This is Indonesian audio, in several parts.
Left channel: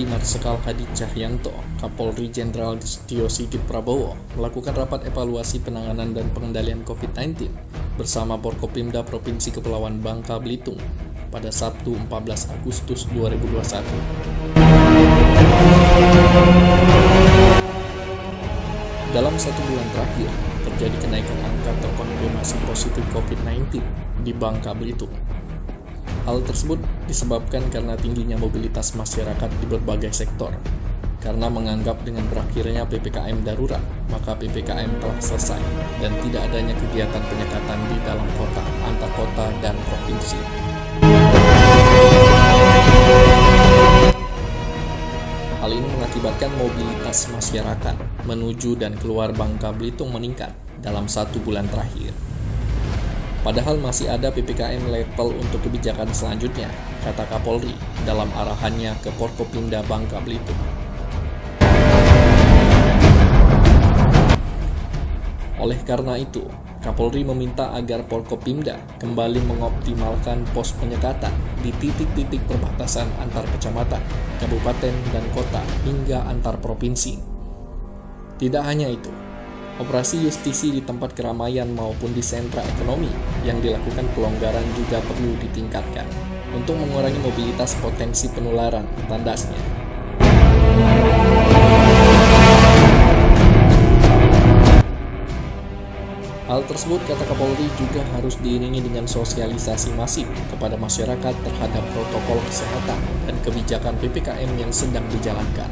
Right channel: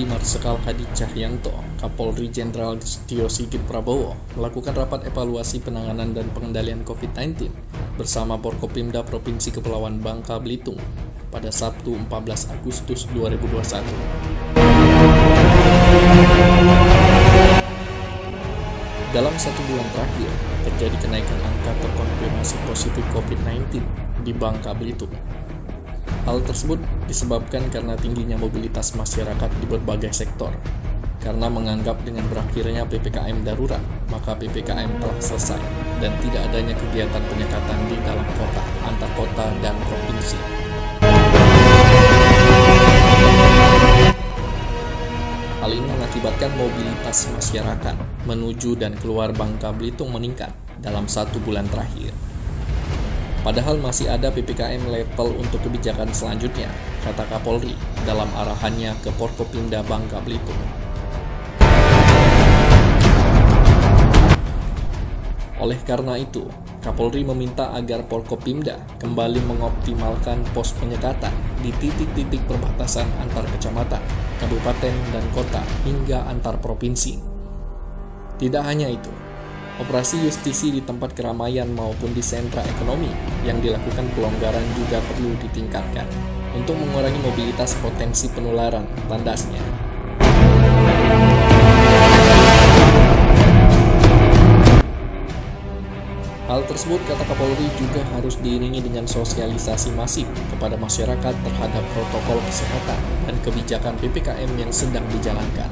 TNI Marsikal Hadi Cahyanto, Kapolri Jenderal Tio Sigit Prabowo melakukan rapat evaluasi penanganan dan pengendalian COVID-19 bersama Forkopimda Provinsi Kepulauan Bangka Belitung pada Sabtu 14 Agustus 2021. Dalam 1 bulan terakhir, terjadi kenaikan angka terkonfirmasi positif COVID-19 di Bangka Belitung. Hal tersebut disebabkan karena tingginya mobilitas masyarakat di berbagai sektor. Karena menganggap dengan berakhirnya PPKM darurat, maka PPKM telah selesai dan tidak adanya kegiatan penyekatan di dalam kota, antar kota, dan provinsi. Hal ini mengakibatkan mobilitas masyarakat menuju dan keluar Bangka Belitung meningkat dalam 1 bulan terakhir. Padahal masih ada PPKM level untuk kebijakan selanjutnya, kata Kapolri dalam arahannya ke Forkopimda Bangka Belitung. Oleh karena itu, Kapolri meminta agar Forkopimda kembali mengoptimalkan pos penyekatan di titik-titik perbatasan antar kecamatan, kabupaten, dan kota hingga antar provinsi. Tidak hanya itu, operasi justisi di tempat keramaian maupun di sentra ekonomi yang dilakukan pelonggaran juga perlu ditingkatkan untuk mengurangi mobilitas potensi penularan, tandasnya. Hal tersebut, kata Kapolri, juga harus diiringi dengan sosialisasi masif kepada masyarakat terhadap protokol kesehatan dan kebijakan PPKM yang sedang dijalankan.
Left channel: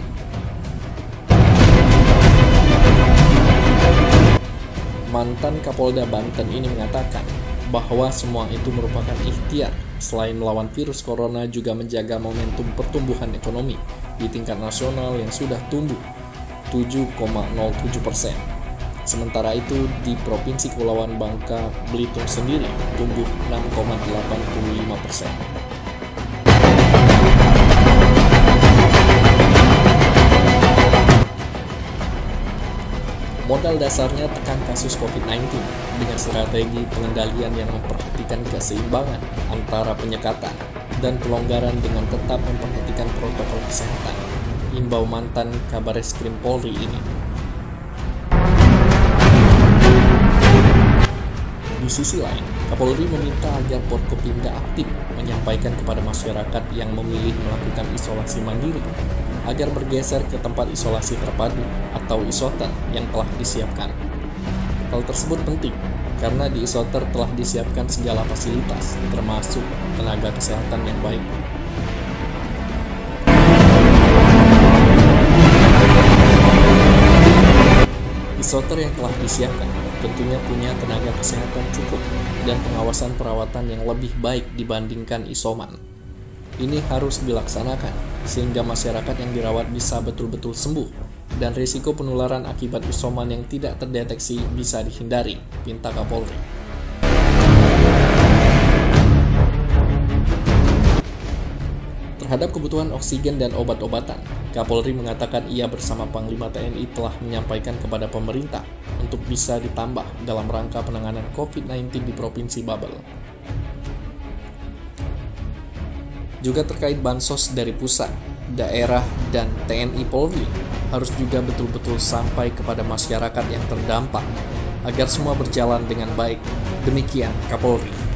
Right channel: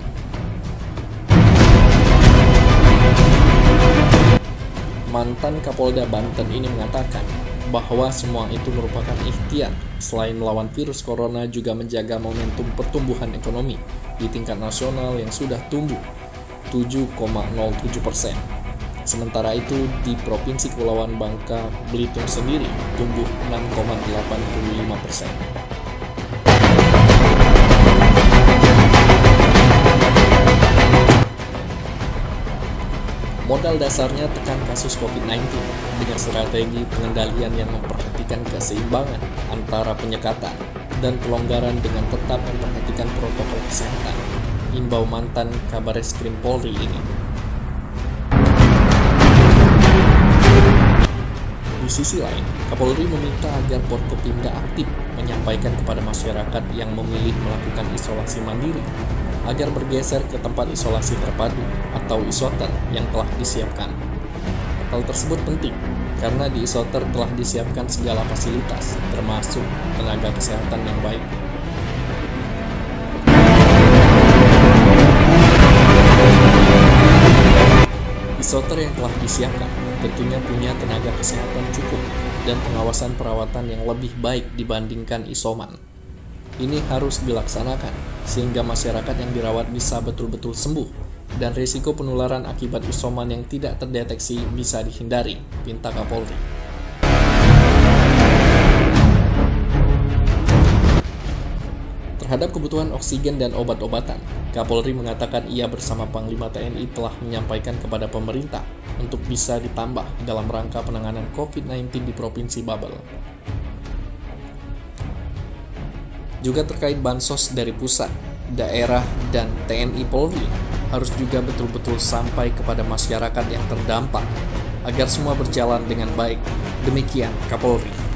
Mantan Kapolda Banten ini mengatakan bahwa semua itu merupakan ikhtiar selain melawan virus corona juga menjaga momentum pertumbuhan ekonomi di tingkat nasional yang sudah tumbuh 7,07%. Sementara itu di Provinsi Kepulauan Bangka Belitung sendiri tumbuh 6,85%. Modal dasarnya tekan kasus COVID-19 dengan strategi pengendalian yang memperhatikan keseimbangan antara penyekatan dan pelonggaran dengan tetap memperhatikan protokol kesehatan, imbau mantan Kabareskrim Polri ini. Di sisi lain, Kapolri meminta agar Forkopimda aktif menyampaikan kepada masyarakat yang memilih melakukan isolasi mandiri agar bergeser ke tempat isolasi terpadu atau isoter yang telah disiapkan. Hal tersebut penting karena di isoter telah disiapkan segala fasilitas, termasuk tenaga kesehatan yang baik. Isoter yang telah disiapkan tentunya punya tenaga kesehatan cukup dan pengawasan perawatan yang lebih baik dibandingkan isoman. Ini harus dilaksanakan sehingga masyarakat yang dirawat bisa betul-betul sembuh dan risiko penularan akibat isoman yang tidak terdeteksi bisa dihindari, pinta Kapolri. Terhadap kebutuhan oksigen dan obat-obatan, Kapolri mengatakan ia bersama Panglima TNI telah menyampaikan kepada pemerintah untuk bisa ditambah dalam rangka penanganan COVID-19 di Provinsi Babel. Juga terkait bansos dari pusat, daerah, dan TNI Polri harus juga betul-betul sampai kepada masyarakat yang terdampak agar semua berjalan dengan baik. Demikian Kapolri.